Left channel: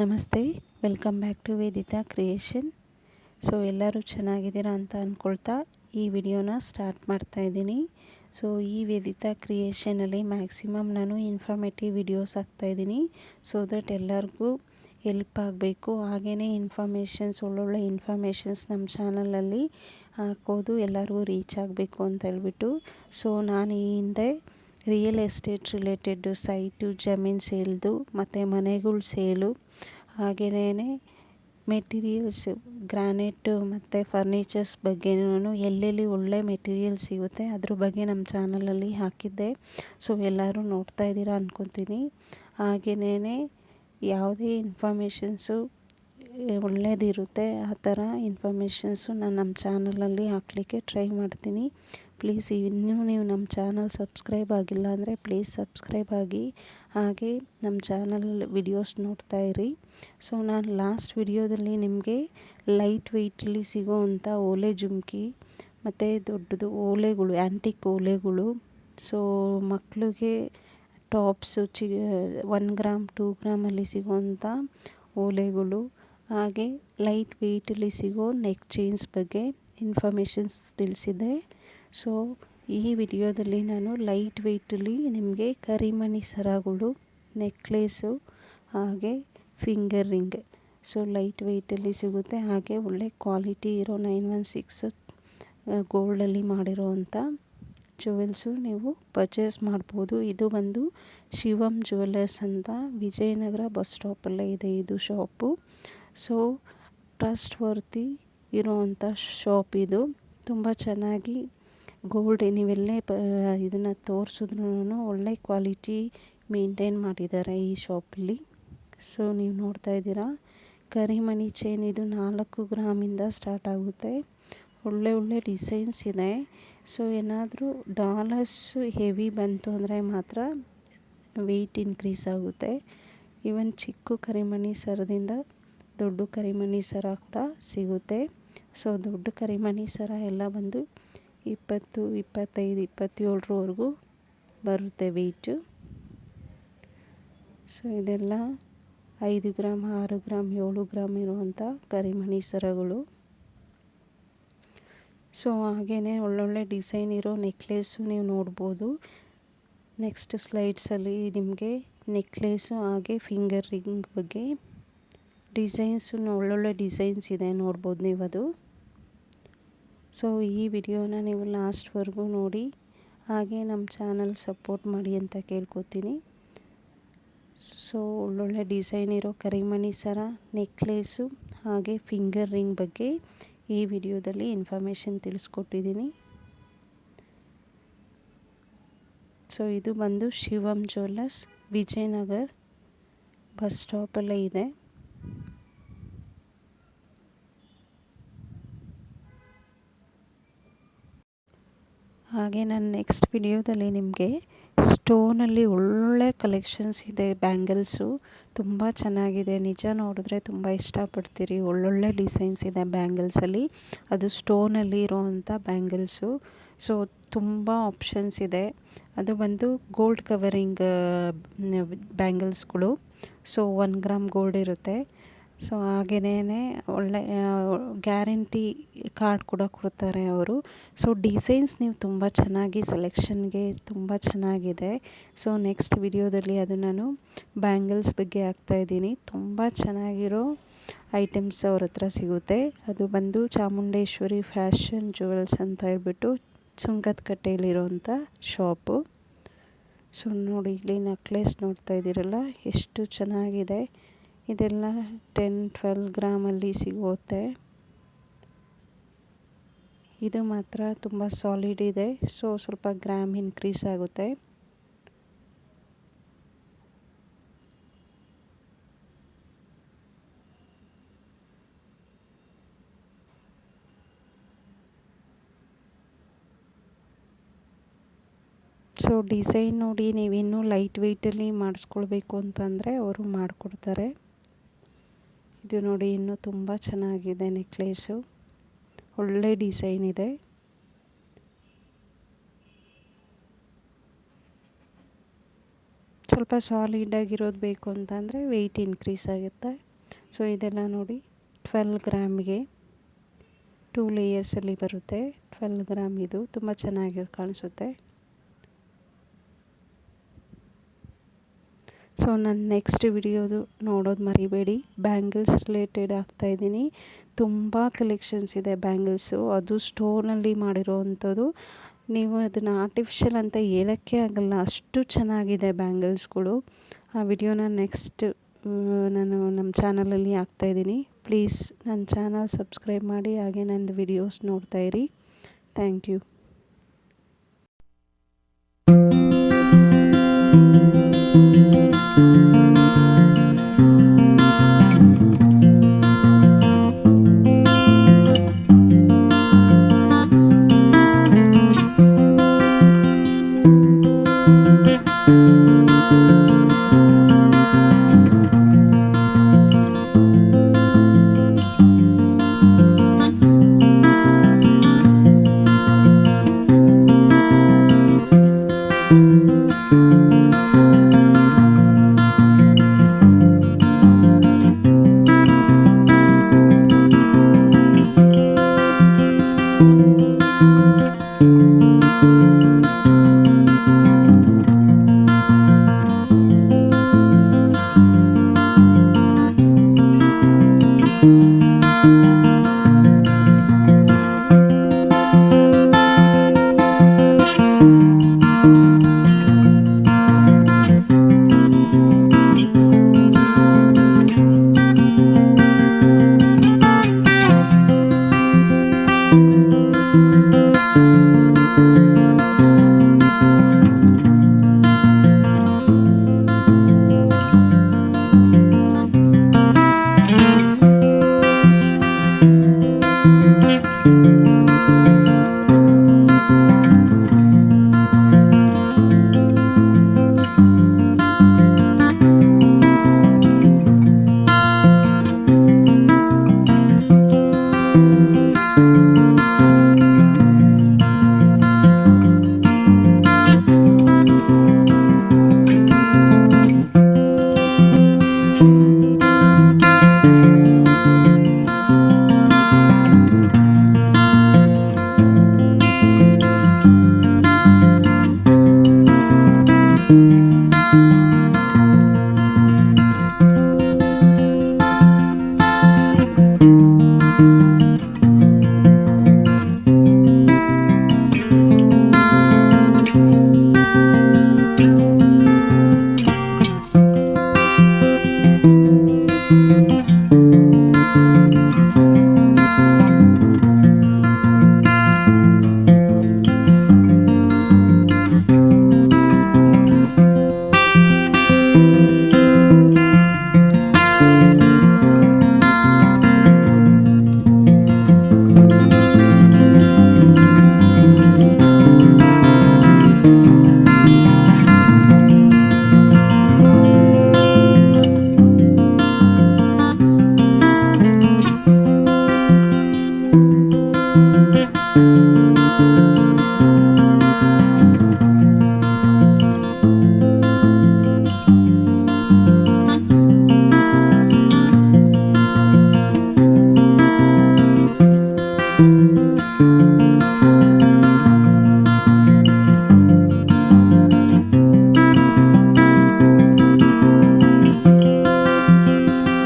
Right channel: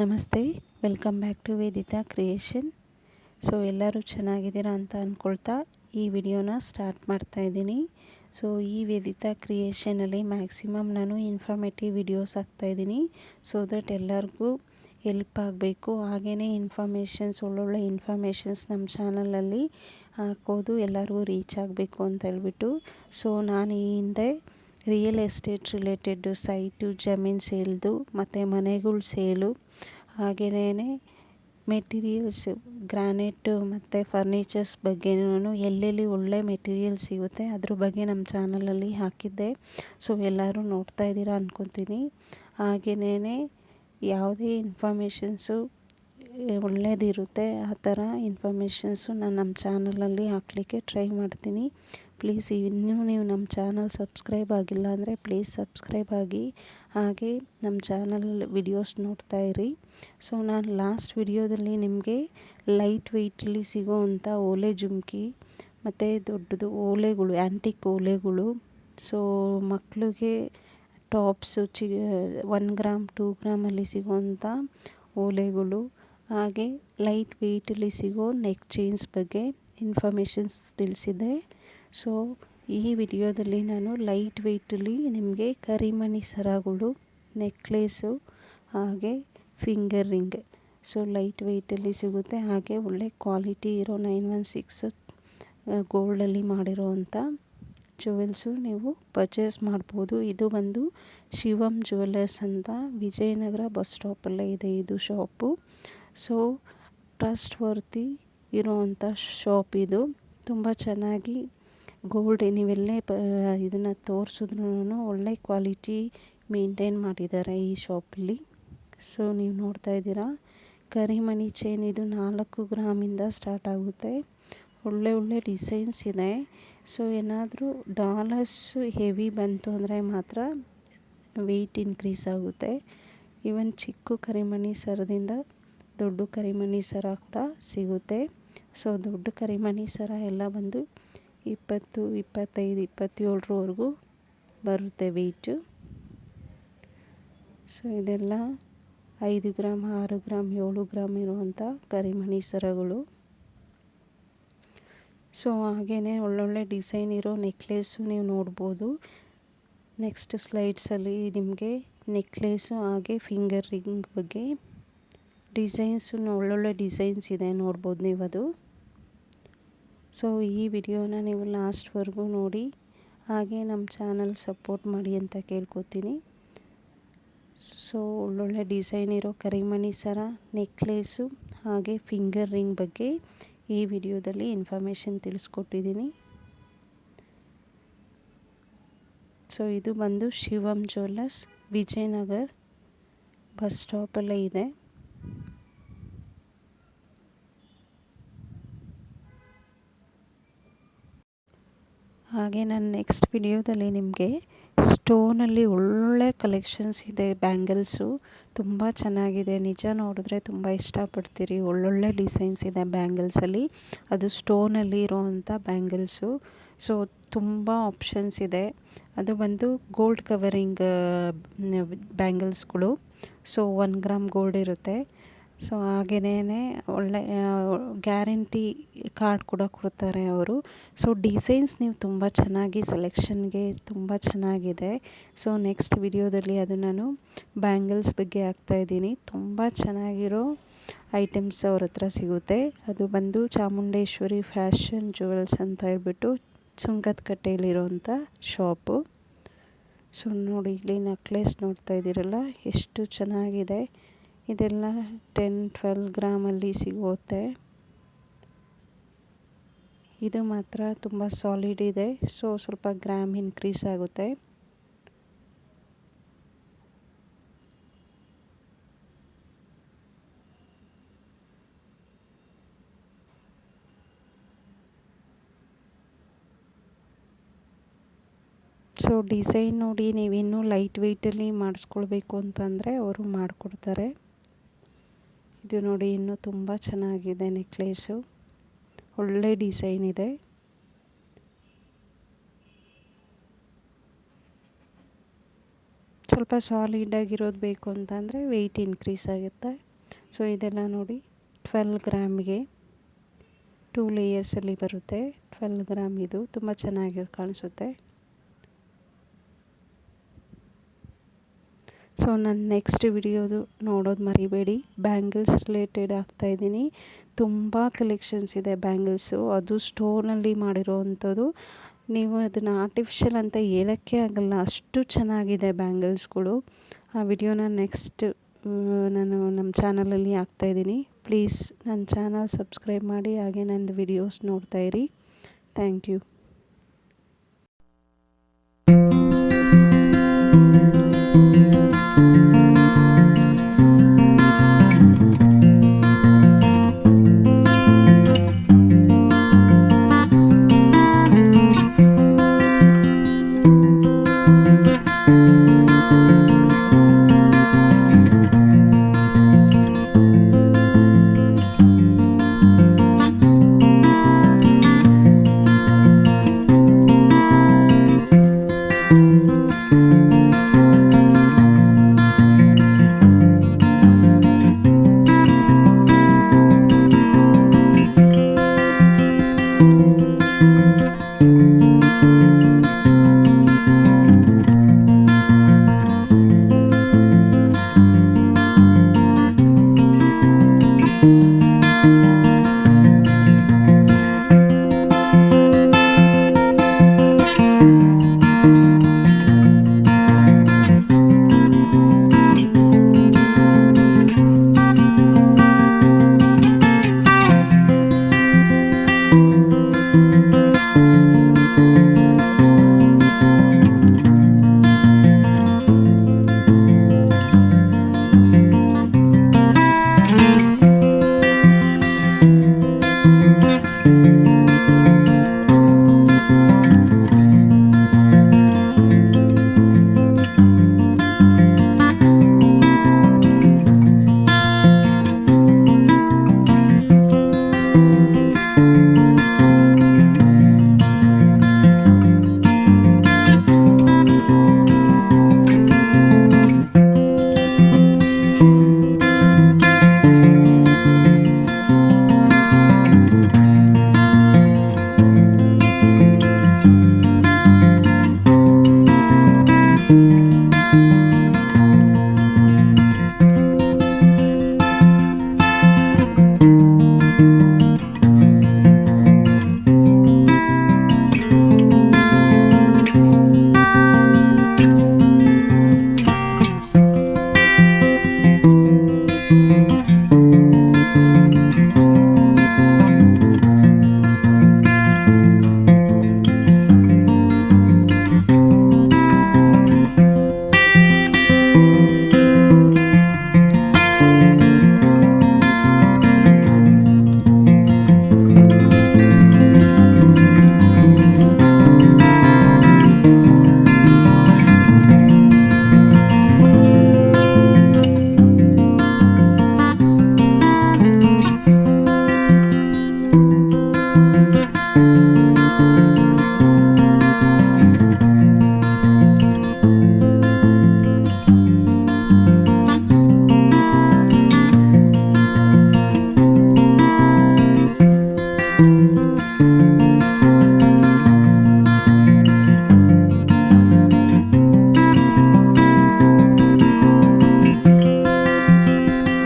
ನಮಸ್ತೆ, welcome back to Vedita creation. So ಎಲ್ಲರೂ ಚೆನ್ನಾಗಿದ್ದೀರಾ ಅಂತ ಅಂದ್ಕೊಳ್ತಾ ಈ ವಿಡಿಯೋನ ಸ್ಟಾರ್ಟ್ ಮಾಡ್ತಾ ಇದ್ದೀನಿ. ಸೊ ಈ ವೇದಿತಾ ಕ್ರಿಯೇಷನಲ್ಲಿ ಮ್ಯಾಕ್ಸಿಮಮ್ ನಾನು ಇನ್ಫಾರ್ಮೇಟಿವ್ ವಿಡಿಯೋಸ್ ಹಾಕ್ತಾಯಿದ್ದೀನಿ. ಸೊ ದಟ್ ಎಲ್ಲರಿಗೂ ಹೆಲ್ಪ್ ಆಗಬೇಕು. ಹಾಗೆಯೇ ಒಳ್ಳೊಳ್ಳೆ ಇನ್ಫಾರ್ಮೇಷನ್ಸ್ ನಮ್ಮ ಚಾನಲಲ್ಲಿ ಹಾಕೋದು ಎಲ್ಲರಿಗೂ ರೀಚ್ ಆಗಬೇಕು ಅಂತ ಹೇಳ್ಬಿಟ್ಟು. ಸೊ ನಾನು ಈ ಹಿಂದೆ ರಿಯಲ್ ಎಸ್ಟೇಟ್ ರಿಲೇಟೆಡ್ ಸೈಟು, ಜಮೀನು ಸೇಲ್ದು ಮತ್ತು ಮನೆಗಳ ಸೇಲು, ಹಾಗೆಯೇ ಮೆಟೀರಿಯಲ್ಸು, ಗ್ರಾನೈಟು ಮತ್ತು ಫರ್ನಿಚರ್ಸ್ ಬಗ್ಗೆನೂ ಎಲ್ಲೆಲ್ಲಿ ಒಳ್ಳೆ ಮೆಟೀರಿಯಲ್ ಸಿಗುತ್ತೆ ಅದ್ರ ಬಗ್ಗೆ ನಮ್ಮ ಚಾನಲಲ್ಲಿ ಹಾಕಿದ್ದೆ. ಸೊ ಎಲ್ಲರೂ ನೋಡ್ತಾ ಇದ್ದೀರಾ ಅಂದ್ಕೊತೀನಿ. ಹಾಗೆಯೇ ಯಾವುದೇ ಇನ್ಫಾರ್ಮೇಷನ್ಸು ಒಳ್ಳೆಯದಿರುತ್ತೆ ಆ ಥರ ಇನ್ಫಾರ್ಮೇಷನ್ಸು ನಾನು ನಮ್ಮ ಚಾನಲಲ್ಲಿ ಹಾಕಲಿಕ್ಕೆ ಟ್ರೈ ಮಾಡ್ತೀನಿ. ಪ್ಲೀಸ್ ಇನ್ನೂ ನೀವು ನಮ್ಮ ಚಾನಲ್ ಸಬ್ಸ್ಕ್ರೈಬ್ ಆಗಿಲ್ಲ ಅಂದರೆ ಪ್ಲೀಸ್ ಸಬ್ಸ್ಕ್ರೈಬ್ ಆಗಿ, ಹಾಗೆ ನಮ್ಮ ಚಾನಲ್ ವಿಡಿಯೋಸ್ ನೋಡ್ತಾ ಇರಿ. ಸೊ ನಾನು ಲಾಸ್ಟ್ ವಿಡಿಯೋದಲ್ಲಿ ನಿಮಗೆ ಲೈಟ್ ವೆಯ್ಟಲ್ಲಿ ಸಿಗೋವಂಥ ಓಲೆ ಜುಮ್ಕಿ ಮತ್ತು ದೊಡ್ಡದು ಓಲೆಗಳು, ಆ್ಯಂಟಿಕ್ ಓಲೆಗಳು, ಸೊ ಮಕ್ಕಳಿಗೆ ಟಾಪ್ಸು, 1 ಗ್ರಾಮ್ 2 ಗ್ರಾಮಲ್ಲಿ ಸಿಗೋವಂಥ ಓಲೆಗಳು, ಹಾಗೆ ಲೈಟ್ ವೆಯ್ಟಲ್ಲಿ ಸಿಗೋ ನೆಕ್ ಚೈನ್ಸ್ ಬಗ್ಗೆ ಇನ್ಫಾರ್ಮೇಷನ್ಸ್ ತಿಳಿಸಿದೆ. ಸೊ ಈ ವಿಡಿಯೋದಲ್ಲಿ ನಾನು ಲೈಟ್ ವೆಯ್ಟಲ್ಲಿ ನಿಮಗೆ ಕರಿಮಣಿ ಸರಗಳು, ನೆಕ್ಲೇಸು, ಹಾಗೆ ಫಿಂಗರ್ ರಿಂಗ್, ಸೊ ಲೈಟ್ ವೆಯ್ಟಲ್ಲಿ ಸಿಗುತ್ತೆ. ಹಾಗೆ ಒಳ್ಳೆ ಕ್ವಾಲಿಟಿ ಇರೋ 916 ಗೋಲ್ಡಲ್ಲಿ ಮಾಡಿರೋವಂಥ ಜುವೆಲ್ಸು ನೀವು ಪರ್ಚೇಸ್ ಮಾಡ್ಬೋದು. ಇದು ಬಂದು ಶಿವಮ್ ಜ್ಯುವೆಲ್ಲರ್ಸ್ ಅಂತ ವಿಜಯನಗರ ಬಸ್ ಸ್ಟಾಪಲ್ಲೇ ಇದೆ ಇದು ಶಾಪು. ಸೊ ಟ್ರಸ್ಟ್ ವರ್ತಿ ಇರೋವಂಥ ಶಾಪ್ ಇದು. ತುಂಬ ಚೆನ್ನಾಗಿ ಗೋಲ್ಡ್ ನೀವೆಲ್ಲೇ ಇದನ್ನು ತೋರಿಸಿದ್ರೂ ಒಳ್ಳೆ ಕ್ವಾಲಿಟಿ ಮೇಂಟೈನ್ ಮಾಡಿದ್ದಾರೆ ಈ ಶಾಪಲ್ಲಿ. ಸೊ ನೀವು ನೋಡ್ತಾ ಇದ್ದೀರಾ ಕರಿಮಣಿ ಚೈನ್, ಇದು 4 ಗ್ರಾಮಿಂದ ಸ್ಟಾರ್ಟ್ ಆಗುತ್ತೆ. ಒಳ್ಳೆ ಡಿಸೈನ್ಸ್ ಇದೆ. ಸೊ ಏನಾದರೂ ಡಾಲರ್ಸ್ ಹೆವಿ ಬಂತು ಅಂದರೆ ಮಾತ್ರ ವೆಯ್ಟ್ ಇನ್ಕ್ರೀಸ್ ಆಗುತ್ತೆ. ಈವನ್ ಚಿಕ್ಕ ಕರಿಮಣಿ ಸರದಿಂದ ದೊಡ್ಡ ಕರಿಮಣಿ ಸರ ಕೂಡ ಸಿಗುತ್ತೆ. ಸೊ ದೊಡ್ಡ ಕರಿಮಣಿ ಸರ ಎಲ್ಲ ಬಂದು 20, 25, 27ವರೆಗೂ ಬರುತ್ತೆ ವೆಯ್ಟು. ಸೊ ಇದೆಲ್ಲ 5 ಗ್ರಾಮ್, 6 ಗ್ರಾಮ್, 7 ಗ್ರಾಮ್ ಇರುವಂಥ ಕರಿಮಣಿ ಸರಗಳು. ಸೊ ಹಾಗೆಯೇ ಒಳ್ಳೊಳ್ಳೆ ಡಿಸೈನ್ ಇರೋ ನೆಕ್ಲೇಸು ನೀವು ನೋಡ್ಬೋದು. ನೆಕ್ಸ್ಟ್ ಸ್ಲೈಡ್ಸಲ್ಲಿ ನಿಮಗೆ ನೆಕ್ಲೇಸು ಹಾಗೆ ಫಿಂಗರ್ ರಿಂಗ್ ಬಗ್ಗೆ ಡಿಸೈನ್ಸು ಒಳ್ಳೊಳ್ಳೆ ಡಿಸೈನ್ಸ್ ಇದೆ, ನೋಡ್ಬೋದು ನೀವು ಅದು. ಸೊ ಈ ವಿಡಿಯೋನ ನೀವು ಲಾಸ್ಟ್ವರೆಗೂ ನೋಡಿ, ಹಾಗೆ ನಮ್ಮ ಚಾನಲ್ ಸಪೋರ್ಟ್ ಮಾಡಿ ಅಂತ ಕೇಳ್ಕೊತೀನಿ. ಸೊ ಒಳ್ಳೊಳ್ಳೆ ಡಿಸೈನ್ ಇರೋ ಕರಿಮಣಿ ಸರ, ನೆಕ್ಲೇಸು ಹಾಗೆ ಫಿಂಗರ್ ರಿಂಗ್ ಬಗ್ಗೆ ಈ ವಿಡಿಯೋದಲ್ಲಿ ಇನ್ಫಾರ್ಮೇಷನ್ ತಿಳಿಸ್ಕೊಟ್ಟಿದ್ದೀನಿ. ಸೊ ಇದು ಬಂದು ಶಿವಮ್ ಜ್ಯುವೆಲ್ಲರ್ಸ್, ವಿಜಯನಗರ್ ಬಸ್ ಸ್ಟಾಪಲ್ಲೇ ಇದೆ. ಹಾಗೆ ನಾನು ನೆಕ್ಸ್ಟ್ ವಿಡಿಯೋದಲ್ಲಿ ನಿಮಗೆ ಸ್ಟೋನಲ್ಲಿ ಒಳ್ಳೆ ಕಲೆಕ್ಷನ್ಸ್ ಇದೆ. ಬ್ಯಾಂಗಲ್ಸು ತುಂಬ ಚೆನ್ನಾಗಿದೆ, ನಿಜ ನೋಡಿದ್ರೆ ತುಂಬ ಇಷ್ಟಪಡ್ತೀರಿ. ಒಳ್ಳೊಳ್ಳೆ ಡಿಸೈನ್ಸ್ ಇದೆ ಬ್ಯಾಂಗಲ್ಸಲ್ಲಿ, ಅದು ಸ್ಟೋನಲ್ಲಿ ಇರೋವಂಥ ಬ್ಯಾಂಗಲ್ಸು. ಸೊ ತುಂಬ ಆಪ್ಷನ್ಸ್ ಇದೆ. ಅದು ಬಂದು ಗೋಲ್ಡ್ ಕವರಿಂಗ್ ಬ್ಯಾಂಗಲ್ಸ್ಗಳು. ಸೊ 1 ಗ್ರಾಮ್ ಗೋಲ್ಡ್ ಇರುತ್ತೆ. ಸೊ ಹಾಗೆಯೇ ಒಳ್ಳೆ ಗ್ಯಾರಂಟಿ ಕಾರ್ಡ್ ಕೂಡ ಕೊಡ್ತಾರೆ ಅವರು. ಸೊ ಡಿಸೈನ್ಸ್ ನೀವು ತುಂಬ ಚೆನ್ನಾಗಿ ಸೆಲೆಕ್ಷನ್ಗೆ ತುಂಬ ಚೆನ್ನಾಗಿದೆ. ಸೊ ನೆಕ್ಸ್ಟ್ ವಿಡಿಯೋದಲ್ಲಿ ಅದು ನಾನು ಬ್ಯಾಂಗಲ್ಸ್ ಬಗ್ಗೆ ಹಾಕ್ತಾಯಿದ್ದೀನಿ. ತುಂಬ ಚೆನ್ನಾಗಿರೋ ಐಟಮ್ಸ್ ಅವ್ರ ಹತ್ರ ಸಿಗುತ್ತೆ. ಅದು ಬಂದು ಚಾಮುಂಡೇಶ್ವರಿ ಫ್ಯಾಷನ್ ಜ್ಯುವೆಲ್ಸ್ ಅಂತ ಹೇಳ್ಬಿಟ್ಟು ಸುಂಕದಕಟ್ಟೆಯಲ್ಲಿರೋವಂಥ ಶಾಪು. ಸೊ ನೋಡಿ, ಇಲ್ಲಿ ನೆಕ್ಲೆಸ್ ನೋಡ್ತಾ ಇದ್ದೀರಲ್ಲ ಎಷ್ಟು ಚೆನ್ನಾಗಿದೆ. ಇದೆಲ್ಲ 10-12 ಗ್ರಾಮಲ್ಲಿ ಸಿಗುತ್ತೆ. ಇದು ಮಾತ್ರ ತುಂಬ ಸಾಲಿಡ್ ಇದೆ. ಸೊ ಸ್ವಲ್ಪ ಗ್ರಾಮ್ ಇನ್ಕ್ರೀಸ್ ಆಗುತ್ತೆ. ಸೊ ಡಿಸೈನ್ ನೋಡಿ, ನೀವಿನ್ನೂ ಲೈಟ್ ವೆಯ್ಟಲ್ಲಿ ಮಾಡಿಸ್ಕೊಳ್ಬೇಕು ಅಂತಂದರೆ ಅವರು ಮಾಡಿಕೊಡ್ತಾರೆ. ಇದು ನೋಡಿ, ಇನ್ನೂ ತುಂಬ ಚೆನ್ನಾಗಿದೆ ನೆಕ್ಲೇಸು, ಒಳ್ಳೆ ಡಿಸೈನ್ ಇದೆ. ಸ್ವಲ್ಪ ಸಾಲಿಡಾಗಿರೋದು ಬೇಕು ಅಂತಂದರೆ ವೆಯ್ಟ್ ಇನ್ಕ್ರೀಸ್ ಆಗುತ್ತೆ. ಸೊ ಇದೆಲ್ಲ ನೋಡಿ 12 ಗ್ರಾಮ್ಗೆ 2 ಲೇಯರ್ಸಲ್ಲಿ ಬರುತ್ತೆ. 12 ಗ್ರಾಮ್ ಇದು ತುಂಬ ಚೆನ್ನಾಗಿ ಕಾಣಿಸುತ್ತೆ. ಸೊ ನಾನು ನೆಕ್ಸ್ಟ್ ವಿಡಿಯೋದು ನೋಡೋದು ಮರಿಬೇಡಿ. ಬ್ಯಾಂಗಲ್ಸ್ ರಿಲೇಟೆಡ್ ಹಾಕ್ತಾಯಿದ್ದೀನಿ. ತುಂಬ ಕಲೆಕ್ಷನ್ಸ್ ಇದೆ ಬ್ಯಾಂಗಲ್ಸು, ಅದು ಸ್ಟೋನಲ್ಲಿ ಮಾಡಿರೋ ಅಂಥದ್ದು. ನೀವು ಅದನ್ನು ಆರ್ಟಿಫಿಷಿಯಲ್ ಅಂತ ಹೇಳೋಕ್ಕೆ ಆಗಲ್ಲ, ಅಷ್ಟು ಚೆನ್ನಾಗಿದೆ ಬ್ಯಾಂಗಲ್ಸ್ಗಳು. ಆ ವಿಡಿಯೋನ ನೆಕ್ಸ್ಟ್ ನಾನು ನಮ್ಮ ಚಾನಲಲ್ಲಿ ಹಾಕ್ತಾಯಿದ್ದೀನಿ. ಪ್ಲೀಸ್ ನನ್ನ ಚಾನಲ್ ಸಬ್ಸ್ಕ್ರೈಬ್ ಮಾಡಿ, ಹಾಗೆ ನನ್ನ ವಿಡಿಯೋಸ್ ನೋಡ್ತಾಯಿರಿ. Thank you.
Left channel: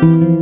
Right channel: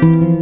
you.